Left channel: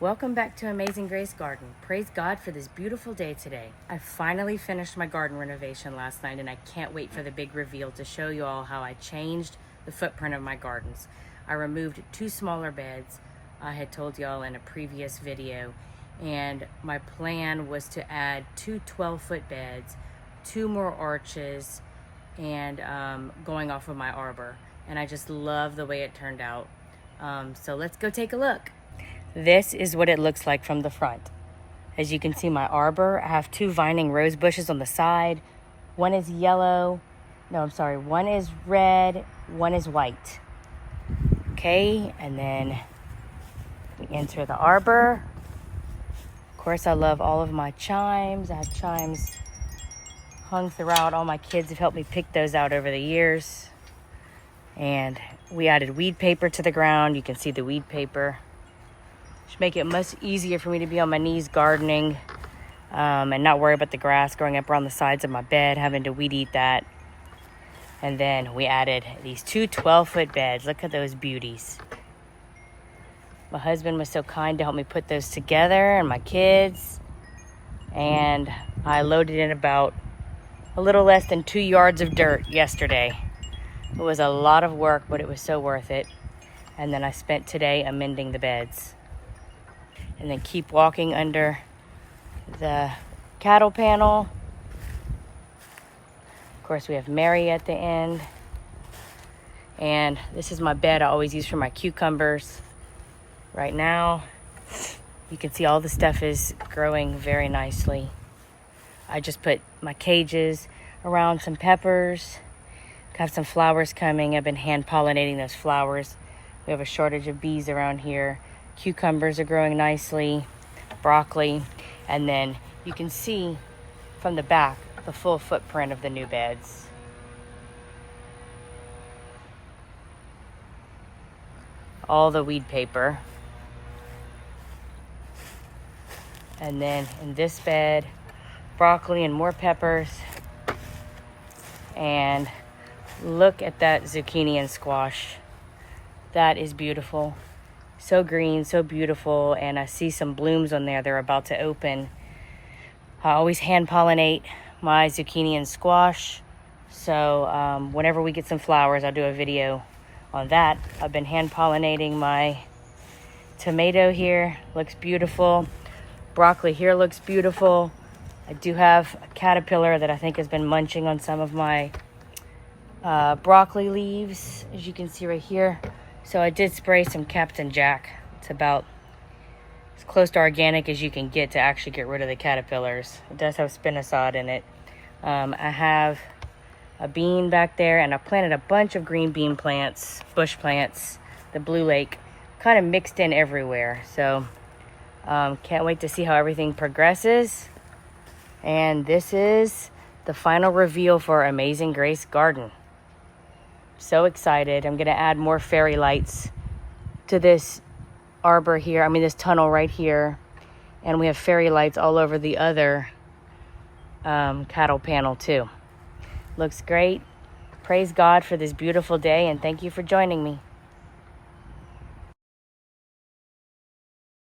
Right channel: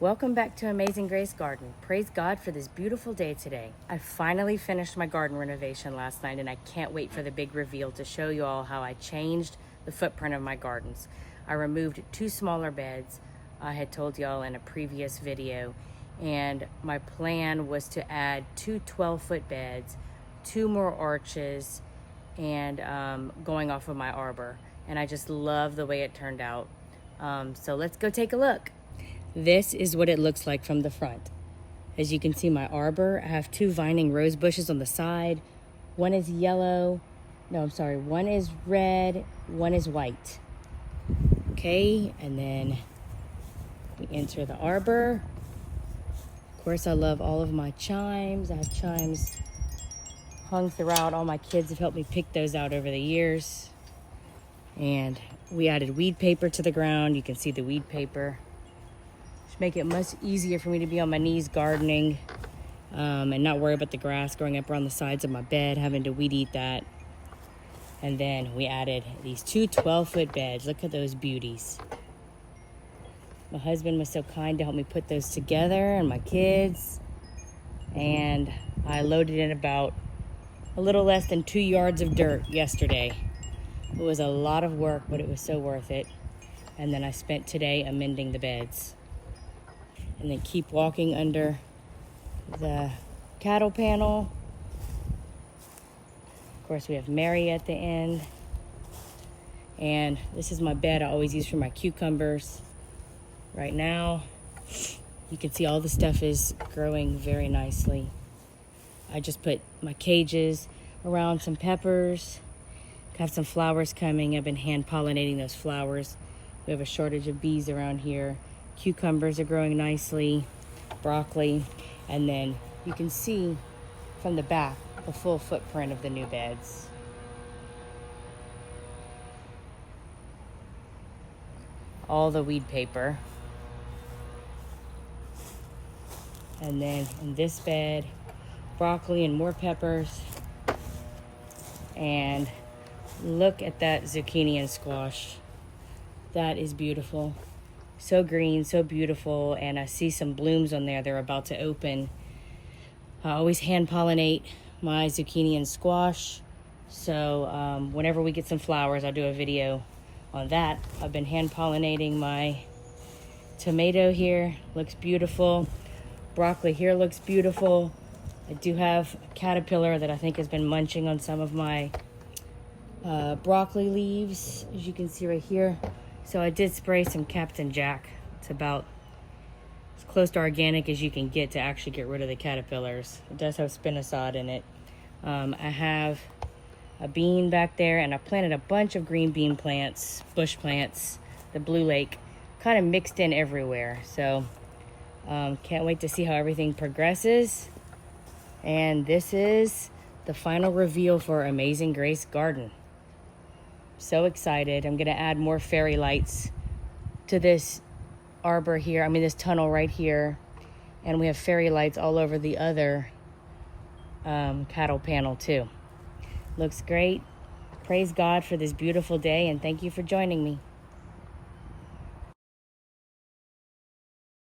Welcome back to Amazing Grace Garden. Praise God for this beautiful day today. I finally finished my garden renovation last night, and I can't wait for the big reveal to show you all how I changed the footprint of my gardens. I removed 2 smaller beds I had told y'all in a previous video, and my plan was to add 2 12-foot beds, 2 more arches, and going off of my arbor. And I just love the way it turned out. So let's go take a look. This is what it looks like from the front. As you can see, my arbor, I have 2 vining rose bushes on the side. One is yellow. No, I'm sorry. One is red, one is white. Okay, and then we enter the arbor. Of course, I love all of my chimes. I have chimes hung throughout. All my kids have helped me pick those out over the years. And we added weed paper to the ground. You can see the weed paper. Should make it much easier for me to be on my knees gardening and not worry about the grass growing up around the sides of my bed, having to weed eat that. And then we added these 2 12-foot beds. Look at those beauties. My husband was so kind to help me put those together, and my kids. And I loaded in about a little less than 2 yards of dirt yesterday. It was a lot of work, but it was so worth it. And then I spent today amending the beds. And then keep walking under the cattle panel. Of course, we have Mary at the end. And this is my bed I always use for my cucumbers. Right now, you can see all the stuff is growing very nicely. I just put my cages around some peppers. Got some flowers coming. I've been hand pollinating those flowers. We have a shortage of bees around here. Cucumbers are growing nicely, broccoli, and then you can see from the back the full footprint of the new beds. All the weed paper. And then in this bed, broccoli and more peppers. And look at that zucchini and squash. That is beautiful. So green, so beautiful, and I see some blooms on there. They're about to open. I always hand pollinate my zucchini and squash, so whenever we get some flowers, I'll do a video on that. I've been hand pollinating my tomato here. Looks beautiful. Broccoli here looks beautiful. I do have a caterpillar that I think has been munching on some of my broccoli leaves, as you can see right here. So I did spray some Captain Jack. It's about as close to organic as you can get to actually get rid of the caterpillars. It does have spinosad in it. I have a bean back there, and I planted a bunch of green bean plants, bush plants, the Blue Lake, kind of mixed in everywhere. So can't wait to see how everything progresses. And this is the final reveal for Amazing Grace Garden. So excited. I'm gonna add more fairy lights to this arbor here. I mean, this tunnel right here. And we have fairy lights all over the other cattle panel too. Looks great. Praise God for this beautiful day, and thank you for joining me.